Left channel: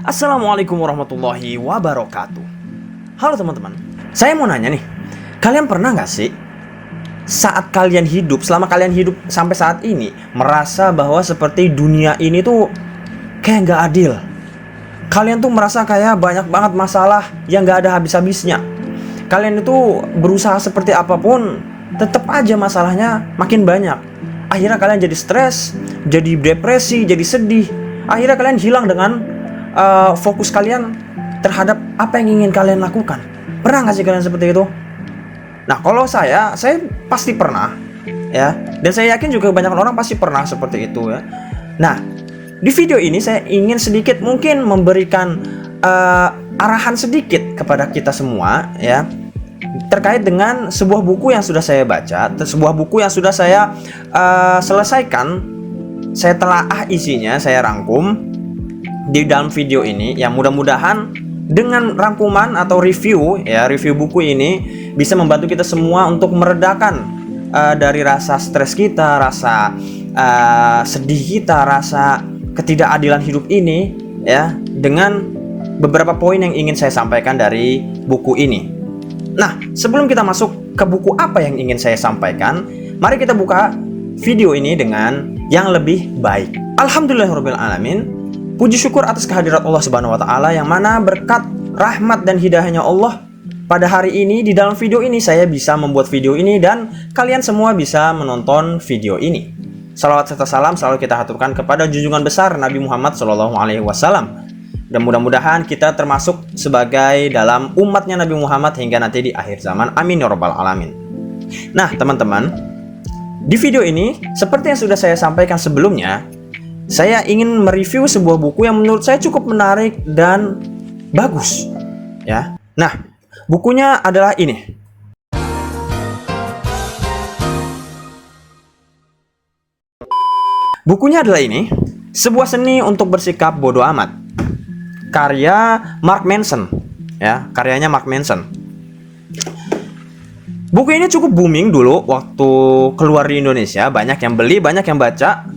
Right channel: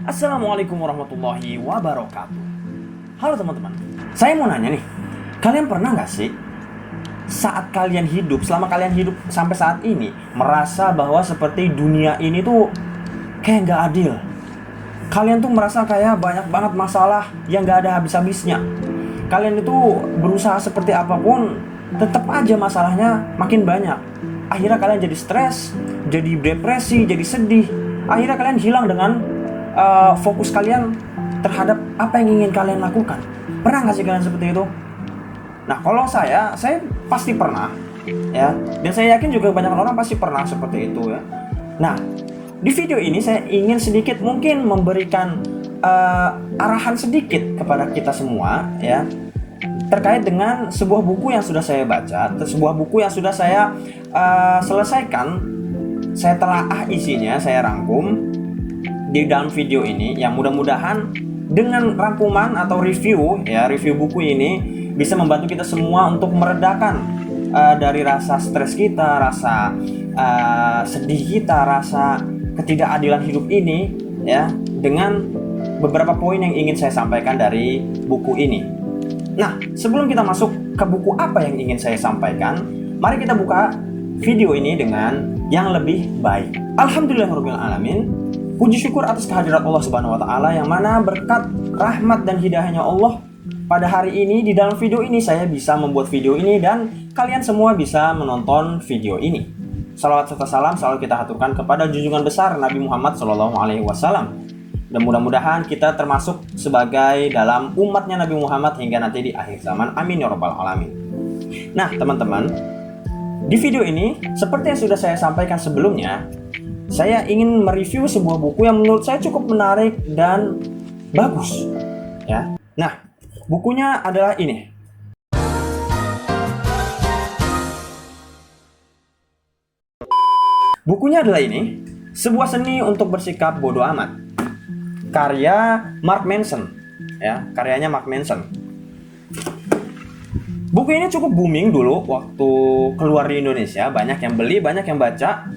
Assalamualaikum warahmatullahi wabarakatuh. Halo teman-teman, saya mau nanya nih, kalian pernah nggak sih saat kalian hidup, selama kalian hidup sampai saat ini, merasa bahwa seperti dunia ini tuh kayak nggak adil? Kalian tuh merasa kayak banyak banget masalah yang nggak ada habis-habisnya. Kalian itu berusaha seperti apapun, tetap aja masalahnya makin banyak. Akhirnya kalian jadi stres, jadi depresi, jadi sedih. Akhirnya kalian hilang dengan fokus kalian terhadap apa yang ingin kalian lakukan. Pernah nggak sih kalian seperti itu? Nah, kalau saya pasti pernah, ya. Dan saya yakin juga banyak orang pasti pernah seperti itu, ya. Nah, di video ini saya ingin sedikit mungkin memberikan arahan sedikit kepada kita semua, ya, terkait dengan sebuah buku yang sudah saya baca, sebuah buku yang sudah saya selesaikan. Saya telaah isinya, saya rangkum di dalam video ini, yang mudah-mudahan dengan rangkuman atau review buku ini bisa membantu kita semua untuk meredakan dari rasa stres kita, rasa sedih kita, rasa ketidakadilan hidup ini, ya, dengan beberapa poin yang ingin saya sampaikan dari buku ini. Nah, sebelum kita masuk ke buku apa yang ingin saya sampaikan, mari kita buka video ini dengan yang lebih baik. Alhamdulillahirabbil alamin. Puji syukur atas kehadirat Allah Subhanahu wa taala, yang mana berkat rahmat dan hidayahnya Allah pada hari ini di dalam video ini saya bisa membuat video ini dan kalian semua bisa menonton video ini. Salawat serta salam selalu kita haturkan kepada junjungan besar Nabi Muhammad SAW. Dan mudah-mudahan kita termasuk sebagai dalam umatnya Nabi Muhammad hingga nanti di akhir zaman. Amin ya rabbal alamin. Nah, teman-teman, di video ini seperti yang sudah saya sampaikan sebelumnya, saya ingin mereview sebuah buku yang menurut saya cukup menarik dan bagus, ya. Nah, bukunya adalah ini. Bukunya adalah ini, Sebuah Seni untuk Bersikap Bodoh Amat. Karya Mark Manson, ya, karyanya Mark Manson. Buku ini cukup booming dulu waktu keluar di Indonesia, banyak yang beli, banyak yang baca.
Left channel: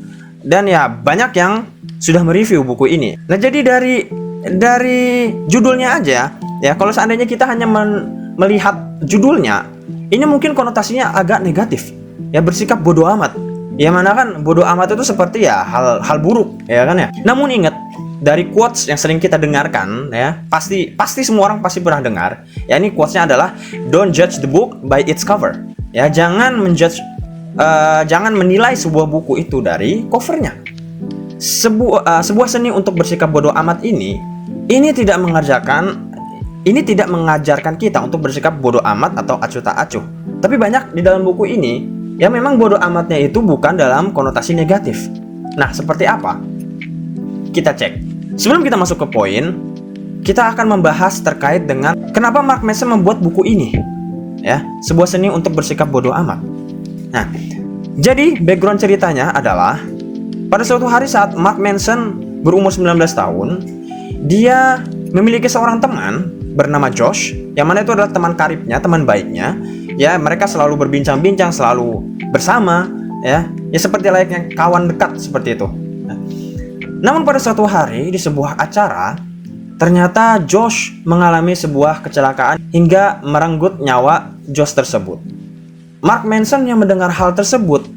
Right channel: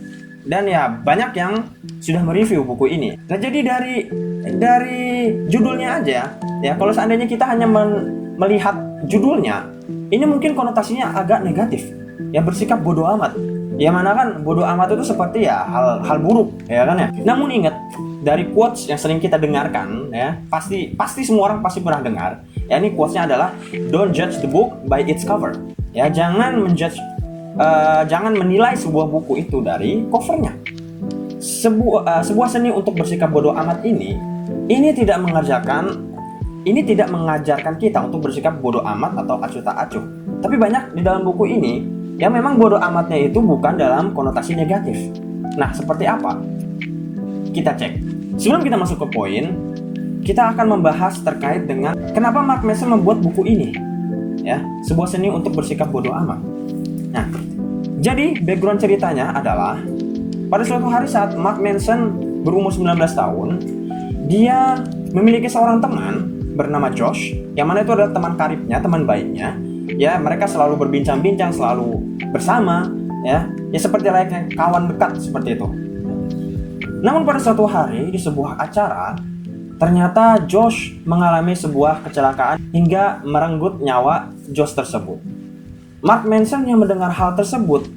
Dan ya banyak yang sudah mereview buku ini. Nah, jadi dari judulnya aja, ya, kalau seandainya kita hanya melihat judulnya, ini mungkin konotasinya agak negatif. Ya, bersikap bodoh amat. Ya, mana kan bodoh amat itu seperti ya hal buruk, ya kan ya. Namun ingat, dari quotes yang sering kita dengarkan, ya, pasti semua orang pasti pernah dengar. Ya, ini quotesnya adalah don't judge the book by its cover. Ya, jangan menilai sebuah buku itu dari covernya. Sebuah seni untuk bersikap bodoh amat ini tidak mengajarkan kita untuk bersikap bodoh amat atau acuh tak acuh. Tapi banyak di dalam buku ini yang memang bodoh amatnya itu bukan dalam konotasi negatif. Nah, seperti apa? Kita cek. Sebelum kita masuk ke poin, kita akan membahas terkait dengan kenapa Mark Manson membuat buku ini. Ya, sebuah seni untuk bersikap bodoh amat. Nah, jadi background ceritanya adalah pada suatu hari saat Mark Manson berumur 19 tahun, dia memiliki seorang teman bernama Josh, yang mana itu adalah teman karibnya, teman baiknya. Ya, mereka selalu berbincang-bincang, selalu bersama, ya seperti layaknya kawan dekat seperti itu. Namun pada suatu hari di sebuah acara, ternyata Josh mengalami sebuah kecelakaan hingga merenggut nyawa Josh tersebut. Mark Manson yang mendengar hal tersebut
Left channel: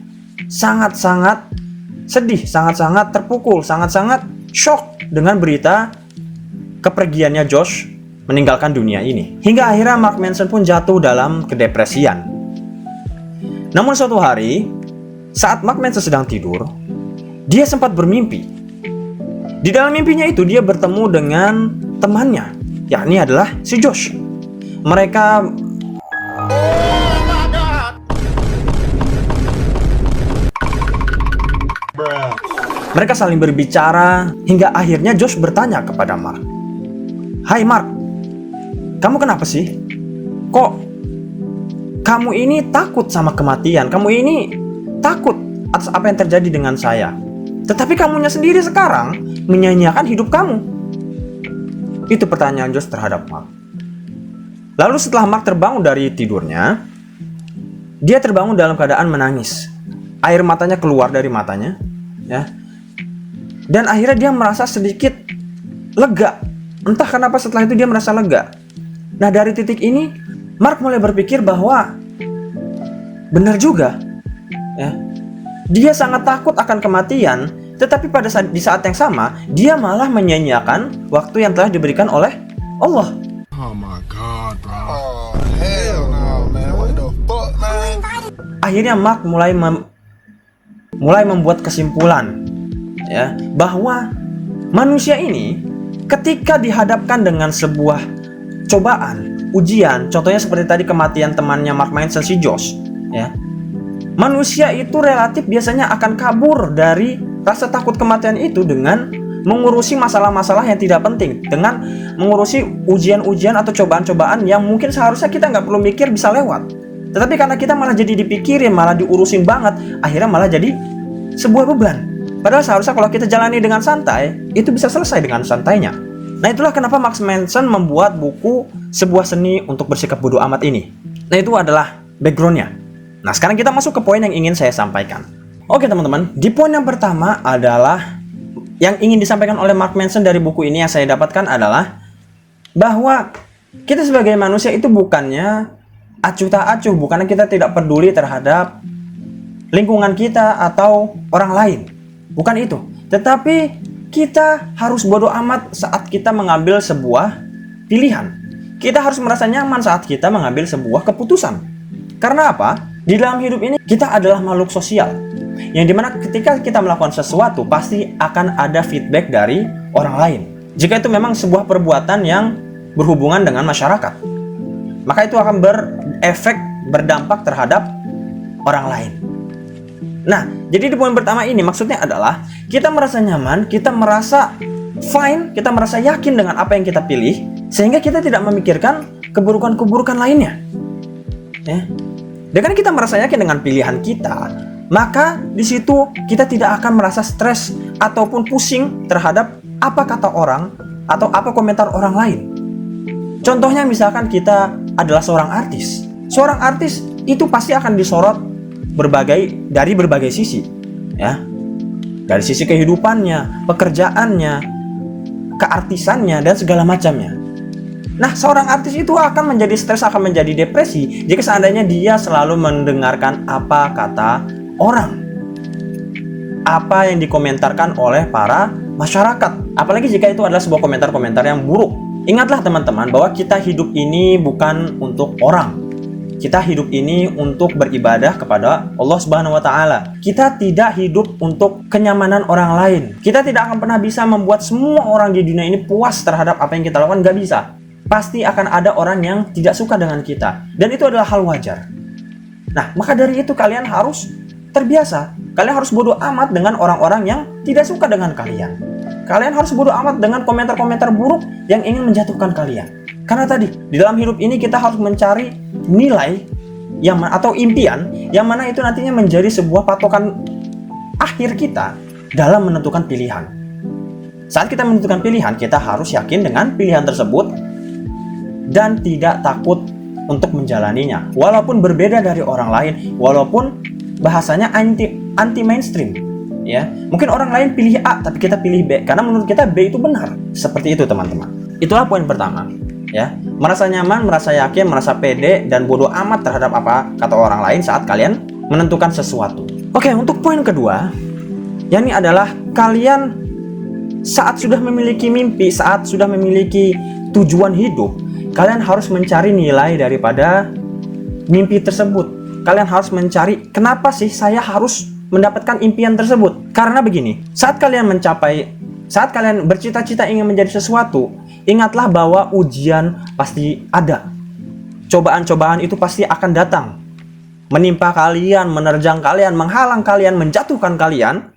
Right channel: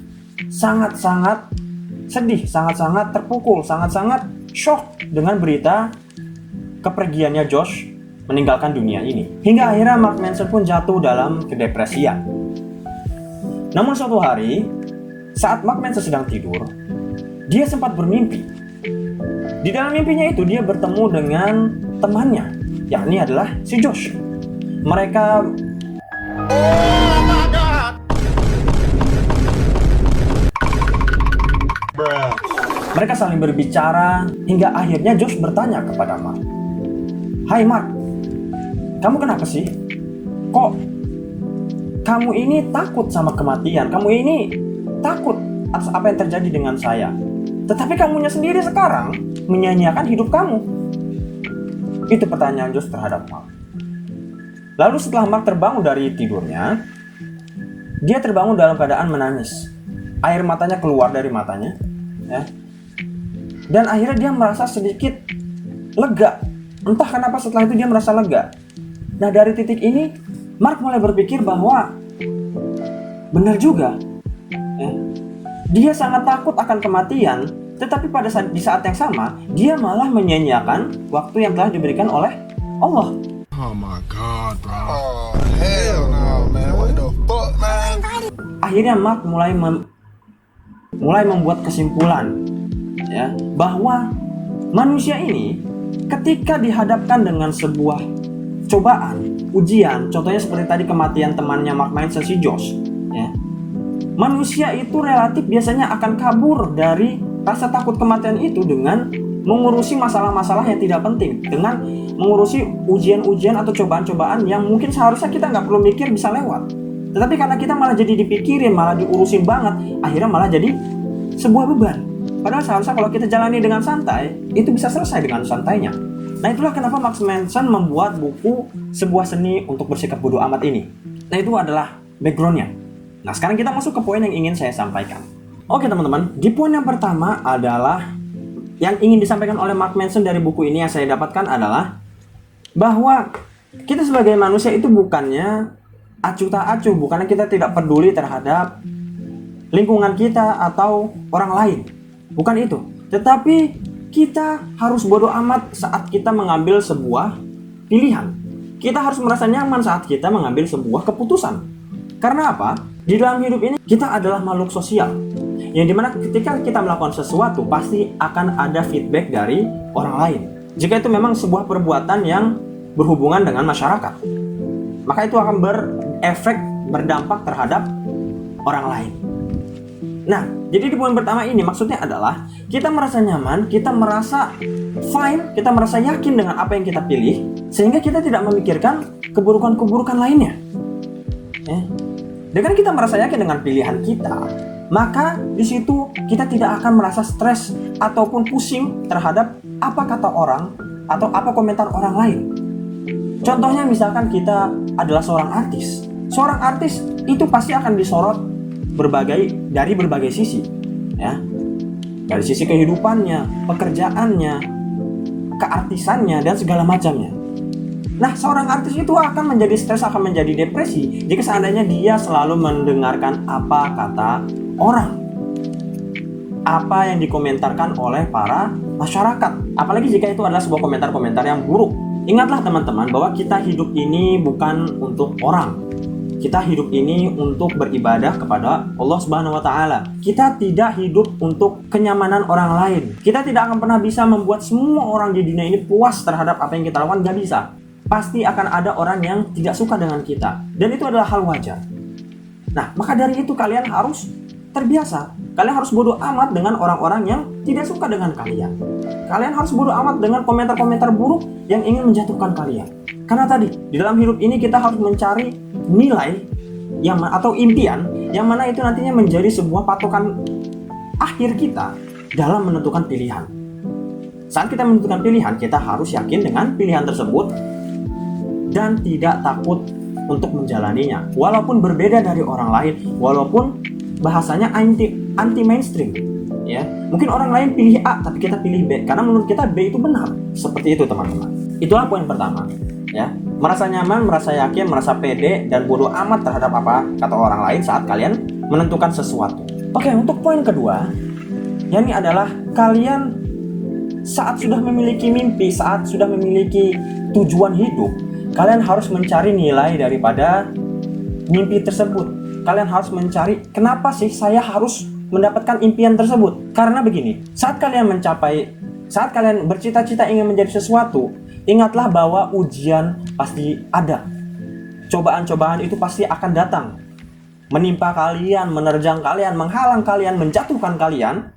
sangat-sangat sedih, sangat-sangat terpukul, sangat-sangat shock dengan berita kepergiannya Josh meninggalkan dunia ini. Hingga akhirnya Mark Manson pun jatuh dalam kedepresian. Namun suatu hari, saat Mark Manson sedang tidur, dia sempat bermimpi. Di dalam mimpinya itu dia bertemu dengan temannya, yakni adalah si Josh. Mereka saling berbicara hingga akhirnya Josh bertanya kepada Mark, "Hai Mark, kamu kenapa sih? Kok kamu ini takut sama kematian? Kamu ini takut atas apa yang terjadi dengan saya? Tetapi kamunya sendiri sekarang menyanyiakan hidup kamu." Itu pertanyaan Josh terhadap Mark. Lalu setelah Mark terbangun dari tidurnya, dia terbangun dalam keadaan menangis. Air matanya keluar dari matanya, ya. Dan akhirnya dia merasa sedikit lega. Entah kenapa setelah itu dia merasa lega. Nah, dari titik ini Mark mulai berpikir bahwa benar juga, ya. Dia sangat takut akan kematian, tetapi di saat yang sama dia malah menyanyiakan waktu yang telah diberikan oleh Allah. Oh my God, bro. Oh hell no, man. What the fuck, man? Akhirnya Mark mulai membuat kesimpulan, ya, bahwa manusia ini ketika dihadapkan dengan sebuah cobaan, ujian, contohnya seperti tadi kematian temannya Mark Manson, si Josh, ya, manusia itu relatif biasanya akan kabur dari rasa takut kematian itu dengan mengurusi masalah-masalah yang tidak penting, dengan mengurusi ujian-ujian atau cobaan-cobaan yang mungkin seharusnya kita nggak perlu mikir bisa lewat. Tetapi karena kita malah jadi dipikirin, malah diurusin banget, akhirnya malah jadi sebuah beban. Padahal seharusnya kalau kita jalani dengan santai, itu bisa selesai dengan santainya. Nah, itulah kenapa Mark Manson membuat buku Sebuah Seni untuk Bersikap Bodoh Amat ini. Nah, itu adalah backgroundnya. Nah, sekarang kita masuk ke poin yang ingin saya sampaikan. Oke teman-teman, di poin yang pertama adalah yang ingin disampaikan oleh Mark Manson dari buku ini yang saya dapatkan adalah bahwa kita sebagai manusia itu bukannya acuh tak acuh, bukannya kita tidak peduli terhadap lingkungan kita atau orang lain. Bukan itu. Tetapi kita harus bodoh amat saat kita mengambil sebuah pilihan. Kita harus merasa nyaman saat kita mengambil sebuah keputusan. Karena apa? Di dalam hidup ini kita adalah makhluk sosial, yang dimana ketika kita melakukan sesuatu pasti akan ada feedback dari orang lain. Jika itu memang sebuah perbuatan yang berhubungan dengan masyarakat, maka itu akan berdampak terhadap orang lain. Nah, jadi di poin pertama ini maksudnya adalah kita merasa nyaman, kita merasa fine, kita merasa yakin dengan apa yang kita pilih, sehingga kita tidak memikirkan keburukan-keburukan lainnya, ya. Dengan kita merasa yakin dengan pilihan kita, maka di situ kita tidak akan merasa stres ataupun pusing terhadap apa kata orang atau apa komentar orang lain. Contohnya misalkan kita adalah seorang artis. Seorang artis itu pasti akan disorot dari berbagai sisi, ya. Dari sisi kehidupannya, pekerjaannya, keartisannya dan segala macamnya. Nah, seorang artis itu akan menjadi stres, akan menjadi depresi jika seandainya dia selalu mendengarkan apa kata orang, apa yang dikomentarkan oleh para masyarakat. Apalagi jika itu adalah sebuah komentar-komentar yang buruk. Ingatlah teman-teman bahwa kita hidup ini bukan untuk orang. Kita hidup ini untuk beribadah kepada Allah Subhanahu wa Ta'ala. Kita tidak hidup untuk kenyamanan orang lain. Kita tidak akan pernah bisa membuat semua orang di dunia ini puas terhadap apa yang kita lakukan. Gak bisa. Pasti akan ada orang yang tidak suka dengan kita, dan itu adalah hal wajar. Nah, maka dari itu kalian harus terbiasa. Kalian harus bodoh amat dengan orang-orang yang tidak suka dengan kalian. Kalian harus bodoh amat dengan komentar-komentar buruk yang ingin menjatuhkan kalian. Karena tadi, di dalam hidup ini kita harus mencari nilai atau impian yang mana itu nantinya menjadi sebuah patokan akhir kita dalam menentukan pilihan. Saat kita menentukan pilihan, kita harus yakin dengan pilihan tersebut dan tidak takut untuk menjalaninya, walaupun berbeda dari orang lain, walaupun bahasanya anti mainstream, ya. Mungkin orang lain pilih A tapi kita pilih B karena menurut kita B itu benar. Seperti itu teman-teman. Itulah poin pertama, ya. Merasa nyaman, merasa yakin, merasa pede dan bodoh amat terhadap apa kata orang lain saat kalian menentukan sesuatu. Oke, untuk poin kedua, yakni adalah kalian saat sudah memiliki mimpi, saat sudah memiliki tujuan hidup, kalian harus mencari nilai daripada mimpi tersebut. Kalian harus mencari kenapa sih saya harus mendapatkan impian tersebut. Karena begini, saat kalian bercita-cita ingin menjadi sesuatu, ingatlah bahwa ujian pasti ada. Cobaan-cobaan itu pasti akan datang, menimpa kalian, menerjang kalian, menghalang kalian, menjatuhkan kalian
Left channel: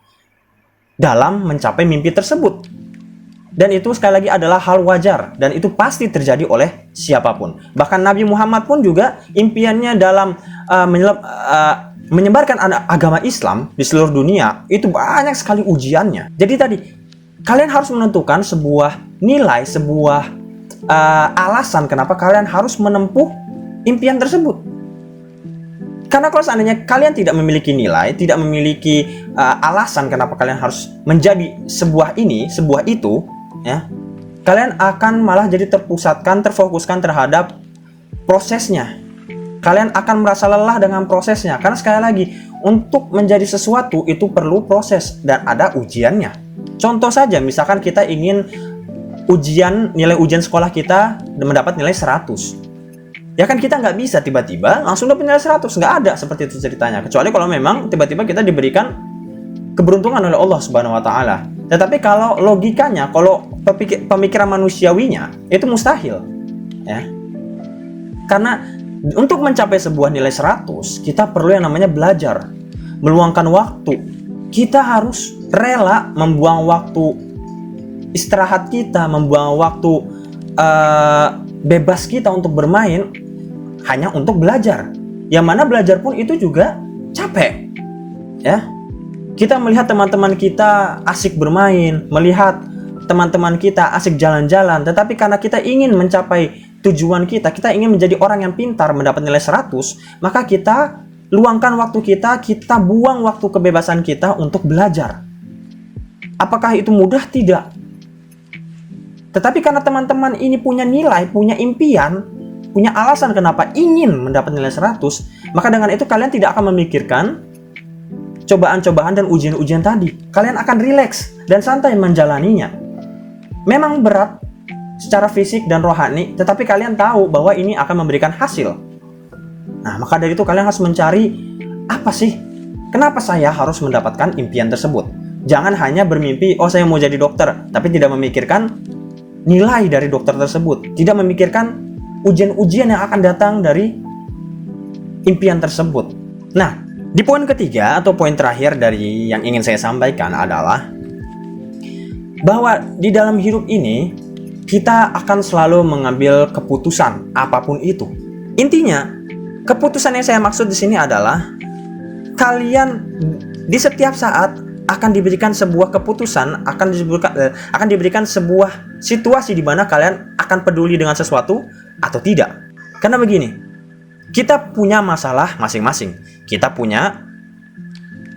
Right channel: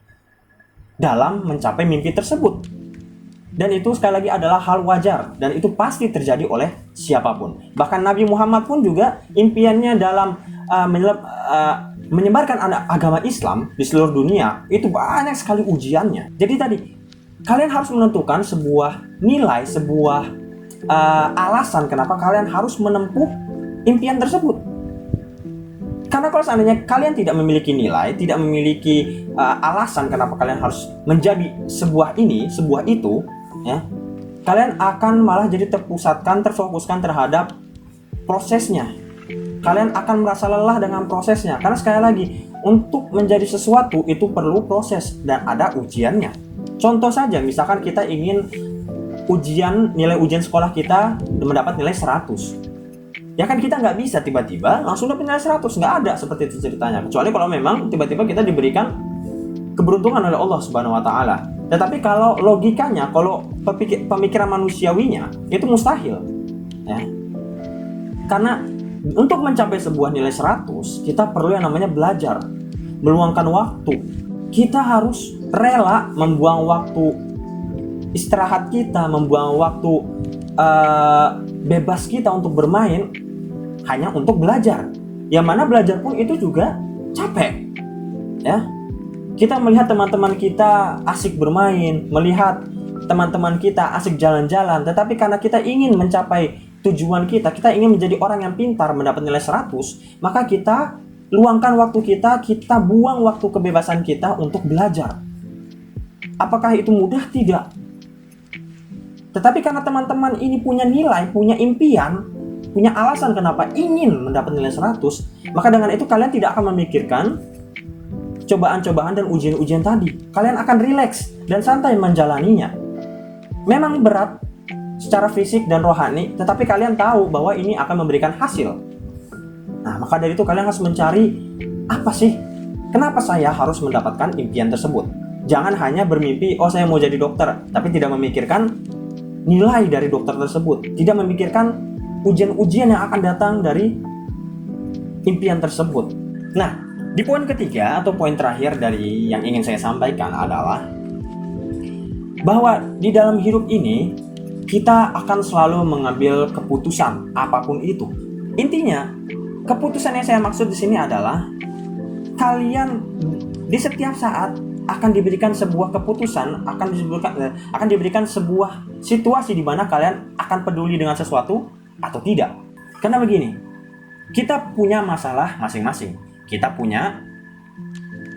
dalam mencapai mimpi tersebut. Dan itu sekali lagi adalah hal wajar, dan itu pasti terjadi oleh siapapun. Bahkan Nabi Muhammad pun juga impiannya dalam menyebarkan agama Islam di seluruh dunia itu banyak sekali ujiannya. Jadi tadi kalian harus menentukan sebuah nilai, sebuah alasan kenapa kalian harus menempuh impian tersebut. Karena kalau seandainya kalian tidak memiliki nilai, tidak memiliki alasan kenapa kalian harus menjadi sebuah itu, ya, kalian akan malah jadi terpusatkan, terfokuskan terhadap prosesnya. Kalian akan merasa lelah dengan prosesnya, karena sekali lagi, untuk menjadi sesuatu itu perlu proses dan ada ujiannya. Contoh saja, misalkan kita ingin nilai ujian sekolah kita mendapat nilai 100. Ya kan kita nggak bisa tiba-tiba langsung dapat nilai 100, nggak ada seperti itu ceritanya. Kecuali kalau memang tiba-tiba kita diberikan keberuntungan oleh Allah Subhanahu wa taala. Tetapi kalau logikanya, kalau pemikiran manusiawinya itu mustahil. Ya. Karena untuk mencapai sebuah nilai 100, kita perlu yang namanya belajar, meluangkan waktu. Kita harus rela membuang waktu istirahat kita, membuang waktu bebas kita untuk bermain hanya untuk belajar. Yang mana belajar pun itu juga capek. Ya. Kita melihat teman-teman kita asik bermain, melihat teman-teman kita asik jalan-jalan, tetapi karena kita ingin mencapai tujuan kita ingin menjadi orang yang pintar, mendapat nilai 100, maka kita luangkan waktu kita buang waktu kebebasan kita untuk belajar. Apakah itu mudah? Tidak. Tetapi karena teman-teman ini punya nilai, punya impian, punya alasan kenapa ingin mendapat nilai 100, maka dengan itu kalian tidak akan memikirkan cobaan-cobaan dan ujian-ujian tadi. Kalian akan rileks dan santai menjalaninya. Memang berat secara fisik dan rohani, tetapi kalian tahu bahwa ini akan memberikan hasil. Nah, maka dari itu kalian harus mencari apa sih? Kenapa saya harus mendapatkan impian tersebut? Jangan hanya bermimpi, oh saya mau jadi dokter, tapi tidak memikirkan nilai dari dokter tersebut, tidak memikirkan ujian-ujian yang akan datang dari impian tersebut. Nah, di poin ketiga atau poin terakhir dari yang ingin saya sampaikan adalah bahwa di dalam hidup ini kita akan selalu mengambil keputusan apapun itu. Intinya, keputusan yang saya maksud di sini adalah kalian di setiap saat akan diberikan sebuah keputusan, akan diberikan sebuah situasi di mana kalian akan peduli dengan sesuatu atau tidak. Karena begini, kita punya masalah masing-masing, kita punya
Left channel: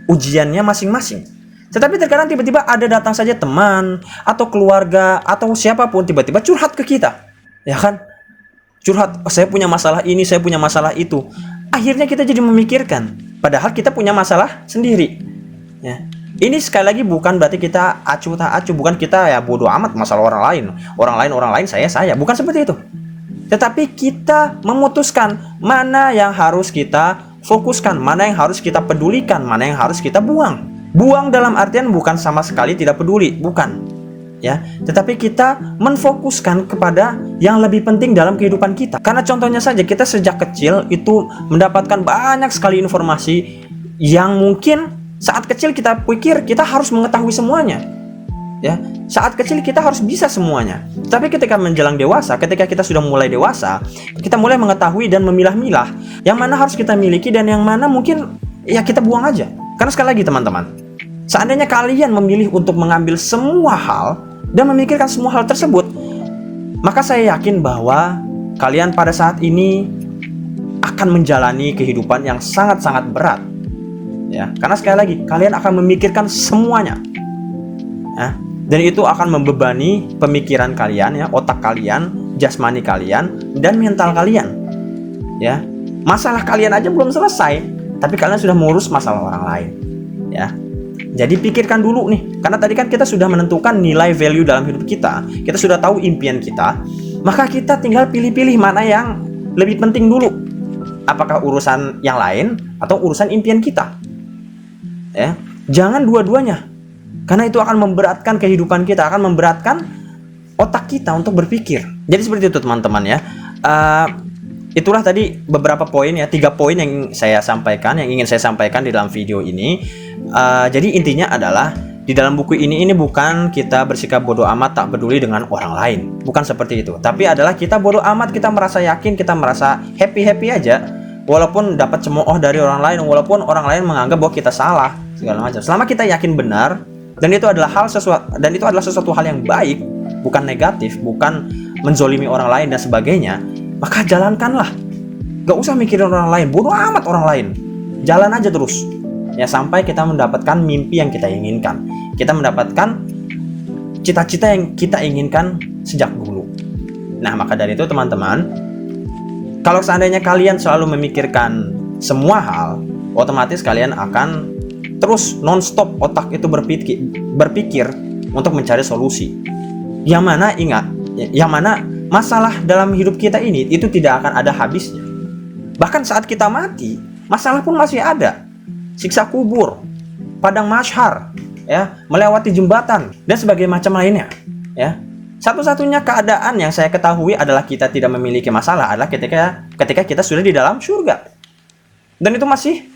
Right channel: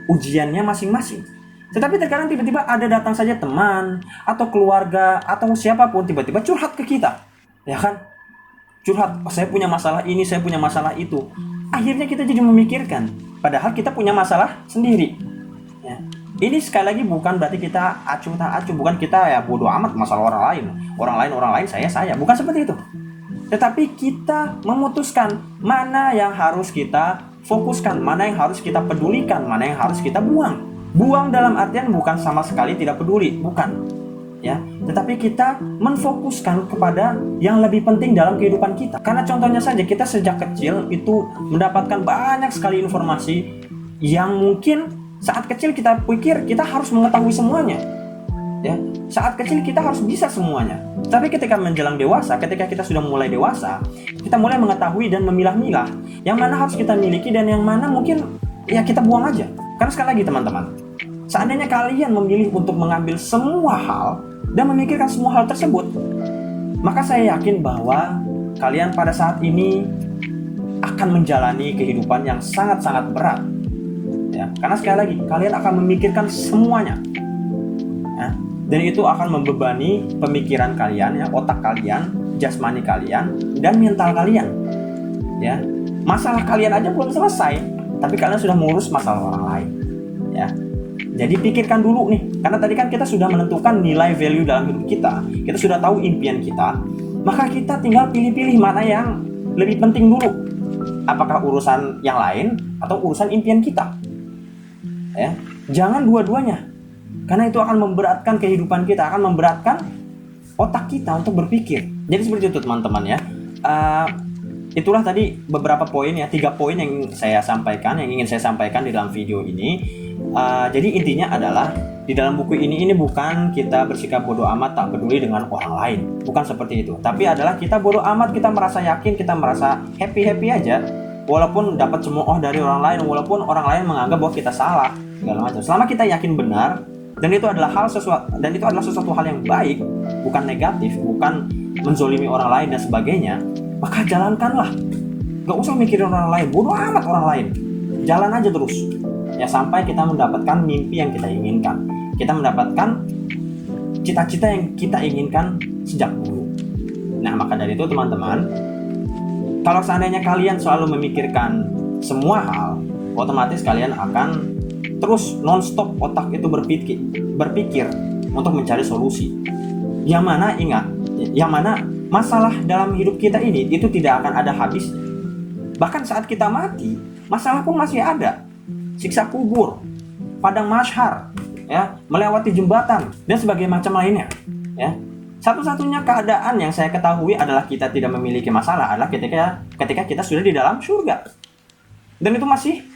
ujiannya masing-masing. Tetapi terkadang tiba-tiba ada datang saja teman atau keluarga atau siapapun tiba-tiba curhat ke kita, ya kan? Curhat, oh, saya punya masalah ini, saya punya masalah itu. Akhirnya kita jadi memikirkan, padahal kita punya masalah sendiri. Ya. Ini sekali lagi bukan berarti kita acuh tak acuh, bukan kita ya bodoh amat masalah orang lain saya, bukan seperti itu. Tetapi kita memutuskan mana yang harus kita fokuskan, mana yang harus kita pedulikan, mana yang harus kita buang. Buang dalam artian bukan sama sekali tidak peduli, bukan. Ya, tetapi kita menfokuskan kepada yang lebih penting dalam kehidupan kita. Karena contohnya saja, kita sejak kecil itu mendapatkan banyak sekali informasi yang mungkin saat kecil kita pikir kita harus mengetahui semuanya. Ya, saat kecil kita harus bisa semuanya. Tapi ketika menjelang dewasa, ketika kita sudah mulai dewasa, kita mulai mengetahui dan memilah-milah yang mana harus kita miliki dan yang mana mungkin ya kita buang aja. Karena sekali lagi teman-teman, seandainya kalian memilih untuk mengambil semua hal dan memikirkan semua hal tersebut, maka saya yakin bahwa kalian pada saat ini akan menjalani kehidupan yang sangat-sangat berat. Ya, karena sekali lagi kalian akan memikirkan semuanya. Ya, dan itu akan membebani pemikiran kalian, ya, otak kalian, jasmani kalian, dan mental kalian. Ya, masalah kalian aja belum selesai, tapi kalian sudah mengurus masalah orang lain. Ya. Jadi pikirkan dulu nih, karena tadi kan kita sudah menentukan nilai value dalam hidup kita sudah tahu impian kita, maka kita tinggal pilih-pilih mana yang lebih penting dulu. Apakah urusan yang lain atau urusan impian kita? Ya, jangan dua-duanya. Karena itu akan memberatkan kehidupan kita, akan memberatkan otak kita untuk berpikir. Jadi seperti itu teman-teman ya. Itulah tadi beberapa poin ya, 3 poin yang saya sampaikan, yang ingin saya sampaikan di dalam video ini. Jadi intinya adalah di dalam buku ini bukan kita bersikap bodoh amat tak peduli dengan orang lain, bukan seperti itu. Tapi adalah kita bodoh amat, kita merasa yakin, kita merasa happy aja, walaupun dapat cemooh dari orang lain, walaupun orang lain menganggap bahwa kita salah segala macam. Selama kita yakin benar dan itu adalah sesuatu hal yang baik, bukan negatif, bukan menzolimi orang lain dan sebagainya, maka jalankanlah. Gak usah mikirin orang lain, bodoh amat orang lain. Jalan aja terus. Ya sampai kita mendapatkan mimpi yang kita inginkan. Kita mendapatkan cita-cita yang kita inginkan sejak dulu. Nah, maka dari itu teman-teman, kalau seandainya kalian selalu memikirkan semua hal, otomatis kalian akan terus non-stop otak itu berpikir untuk mencari solusi. Yang mana ingat, yang mana masalah dalam hidup kita ini itu tidak akan ada habisnya. Bahkan saat kita mati, masalah pun masih ada. Siksa kubur, padang mahsyar, ya, melewati jembatan dan sebagainya macam lainnya, ya. Satu-satunya keadaan yang saya ketahui adalah kita tidak memiliki masalah adalah ketika kita sudah di dalam surga. Dan itu masih,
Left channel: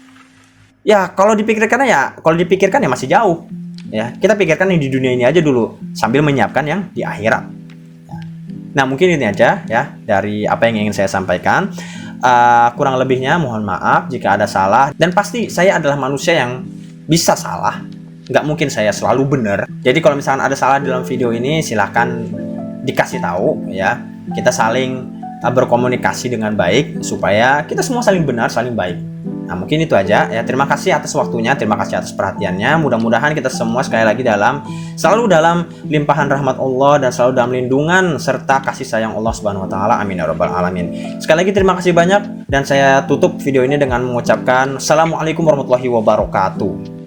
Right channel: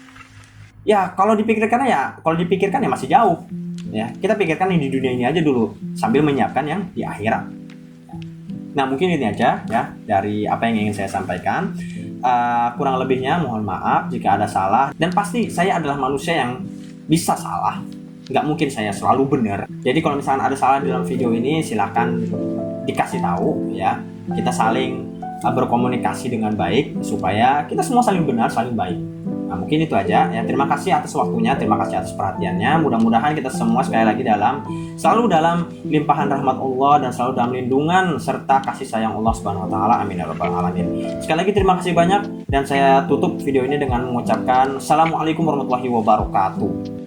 ya, kalau dipikirkan ya masih jauh. Ya, kita pikirkan yang di dunia ini aja dulu sambil menyiapkan yang di akhirat. Nah, mungkin ini aja ya dari apa yang ingin saya sampaikan. Kurang lebihnya mohon maaf jika ada salah, dan pasti saya adalah manusia yang bisa salah. Nggak mungkin saya selalu benar. Jadi kalau misalkan ada salah dalam video ini, silahkan dikasih tahu ya. Kita saling berkomunikasi dengan baik supaya kita semua saling benar, saling baik. Nah, mungkin itu aja ya. Terima kasih atas waktunya, terima kasih atas perhatiannya. Mudah-mudahan kita semua sekali lagi selalu dalam limpahan rahmat Allah dan selalu dalam lindungan serta kasih sayang Allah Subhanahu wa taala. Amin ya rabbal alamin. Sekali lagi terima kasih banyak, dan saya tutup video ini dengan mengucapkan Assalamualaikum warahmatullahi wabarakatuh.